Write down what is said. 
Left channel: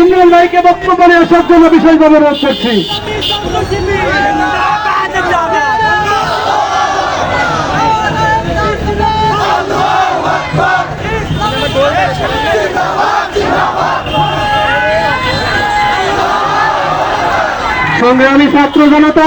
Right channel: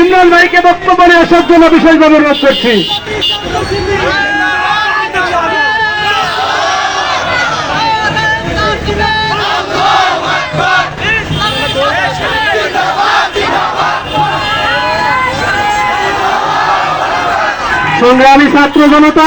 ইমরান ভাইকে বক্তব্য নিয়ে আসার জন্য বিশেষভাবে অনুরোধ করছি। সংগ্রামী ছাত্র জনতা